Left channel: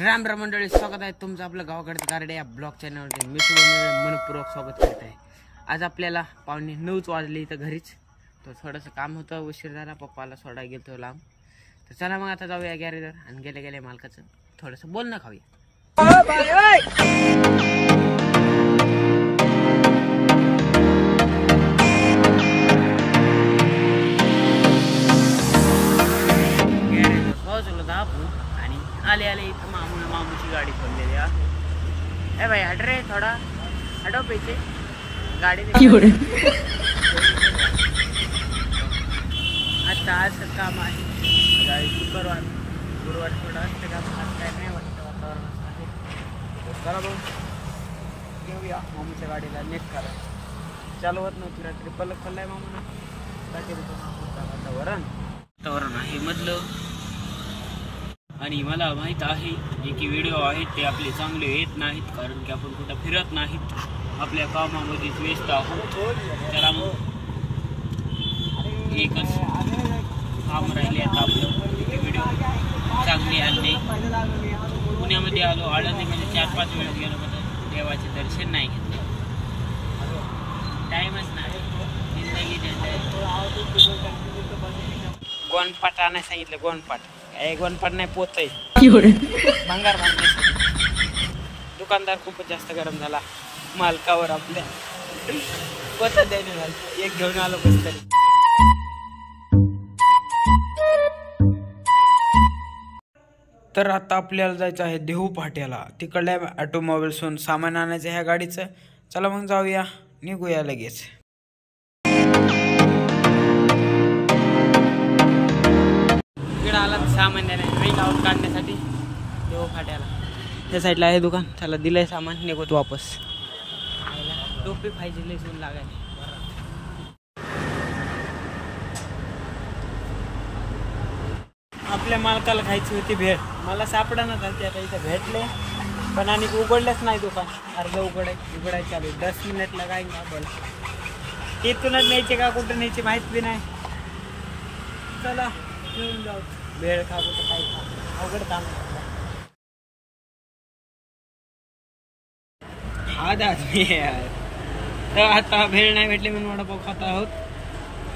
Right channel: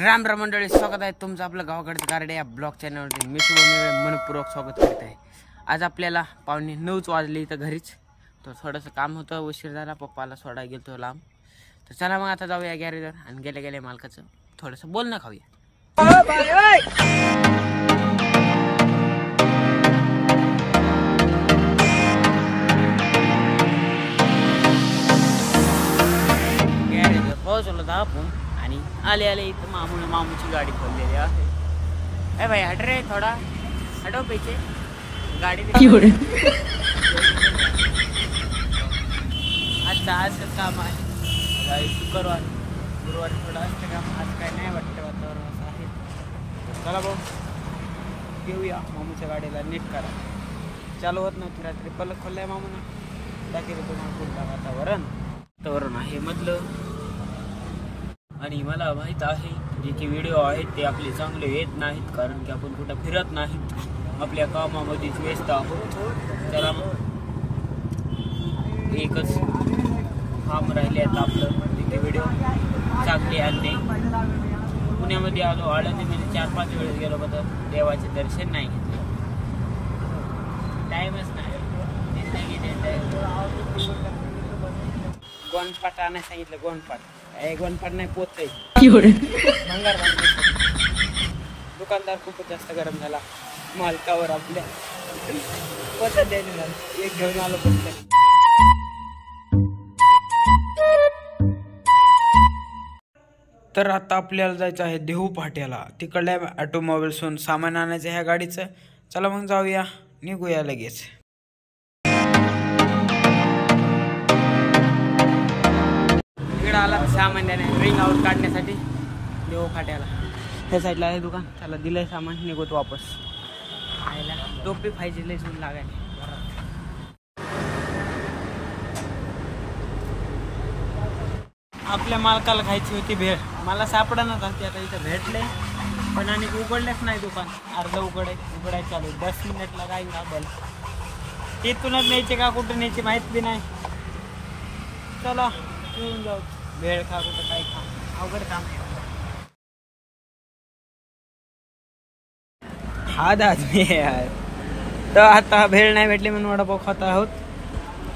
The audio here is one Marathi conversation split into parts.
राम राम मंडळी, स्वागत आहे तुमचं आपलं गावाकडचं गारडे या ब्लॉग चॅनलवरती. मी मनपूर्वक स्वागत करत आहे. आज आपल्याला 9:15 वाजले इथं घरीच. तर थोडंसं काम होतं, उशीर झाला, पप्पाला सोडा गेलतो लांब. तर चला मग आता जाऊया गॅरेजवर आणि गेले गेले मालकाचं थोडंसं बोलणं खाऊया. गॅरेजवर पोहोचलो तर आपण आणि आले आले इथं मामूची गाडी खोललेली आहे. ए भाई हट रे, थोडा हटो पीछे गाड़ी आता आज काम आहे. शुक्रवार गुरुवारी थोडं असतं काम, आज काय नाही वाटतं, वातावरण असं आहे. चला भाऊ घेऊया मामूच्या गाडीला नीट करा. चालू होत नव्हती रात्री, पलक खोललाय मामूनं, दाखवते तुम्हाला पुढचं वातावरण आहे मधलं. आणि मला माहीत आहे जे की व्हिडिओ आहेत ते आपले चांगले येत नाहीत, कारण की आपण कुठं फिरत नाहीत, आपल्या कामामध्येच व्यस्त आहोत. त्याला मग एकच काम राहिले आता आपलं, व्हिडिओ चांगले आणणे. पुण्यामध्ये आलो, आळंदीमध्ये 4-5 वेळेस गेलो, पण देवाचे दर्शन नाही घेतले, टाईमच नाही. गोंडपाट आणायला सांगितलं, गोंडपाट गोंडपाट नाही पोत आहे, भंगार बांधण्यासाठी. दुकानदार खूपच जास्त गरम झाला मालकावर आपल्या, पोत द्यायला झालं. एक घेऊन आलो कस तरी. तर आता आपल्याला जायचं आहे देहू फाट्याला, तिकडल्या ऑटोमोबाईल्सहून सामान आणायचं ह्या गाडीचं. चला मग जाऊया, निघूया लगेच. इकडे आला सामान्याने रिंग आउट काढण्यासाठी देहू फाट्याला. ह्या साईडला आहे दुकान, त्याला दिलंय सामान, निघतो वापस. आयला टोपी पाहिजे, लय ऊन लागायला घरात. आपल्या मालकाला खायची होती भेळ, मला सापडा चालते. आता इथं भेटले पण आणि उघडलेच नाही दुकान, अर्ध उघडायचं चालू आहे. 10 मिनिटला काय का बोला, तिथूनच न्यायचे का कुठं न्यायची माहीत बी नाही. चला घेऊन जाऊ, भेळ खा कुठं काय खा, अवघड काम आहे. हा दादा यार, तर आता भेळ नाही भेटले म्हणून वडापाव खात आहोत.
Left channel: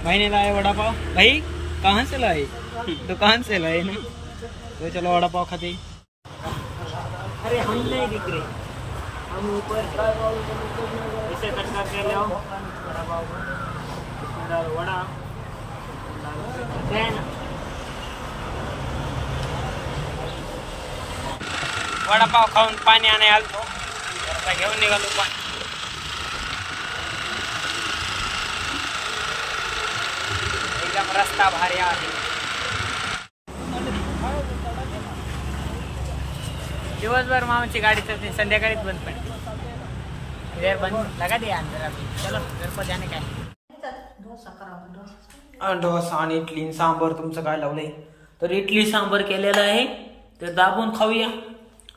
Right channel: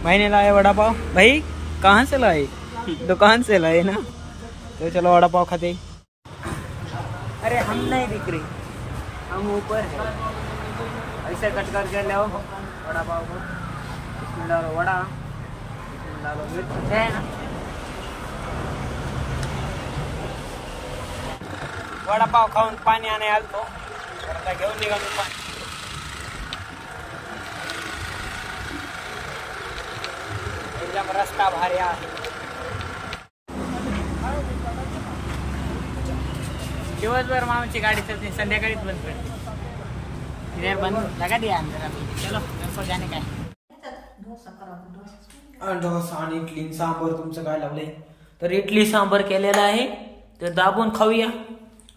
भाईने लाए वडापाव. भाई कहाँ से लाए? दुकान से लाए ना, तो चलो वडापाव खाते. अरे हम नहीं दिख रहे, हम ऊपर ऐसे कट करके ले आओ वडापाव को. इसमें डालो वड़ा, इसमें डालो मिर्च है ना. वडापाव खाऊन पाणी आणाय आलतो, आता घेऊन निघालो का. एकदम रस्ता भारी आहे. दिवसभर मामाची गाडी चलते, संध्याकाळीच बंद पडते. इधर बंद लगा दिया अंदर अभी. चलो घर को जाने का है. डोसा आणि इडली सांबर तुमचं काय लावलंय. तर इडली सांबर केलेला आहे, तर दाबून खाऊया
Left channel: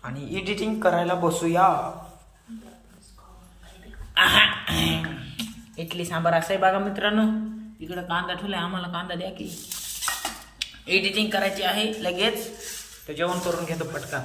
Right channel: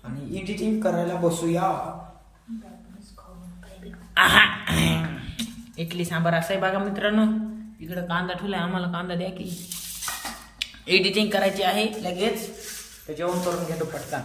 आणि एडिटिंग करायला बसूया. इडली सांबर असं आहे बघा मित्रांनो. इकडे कांदा ठेवलाय, आम्हाला कांदा द्या की. एडिटिंग करायची आहे लगेच, तर जेवण करून घेतो पटकन.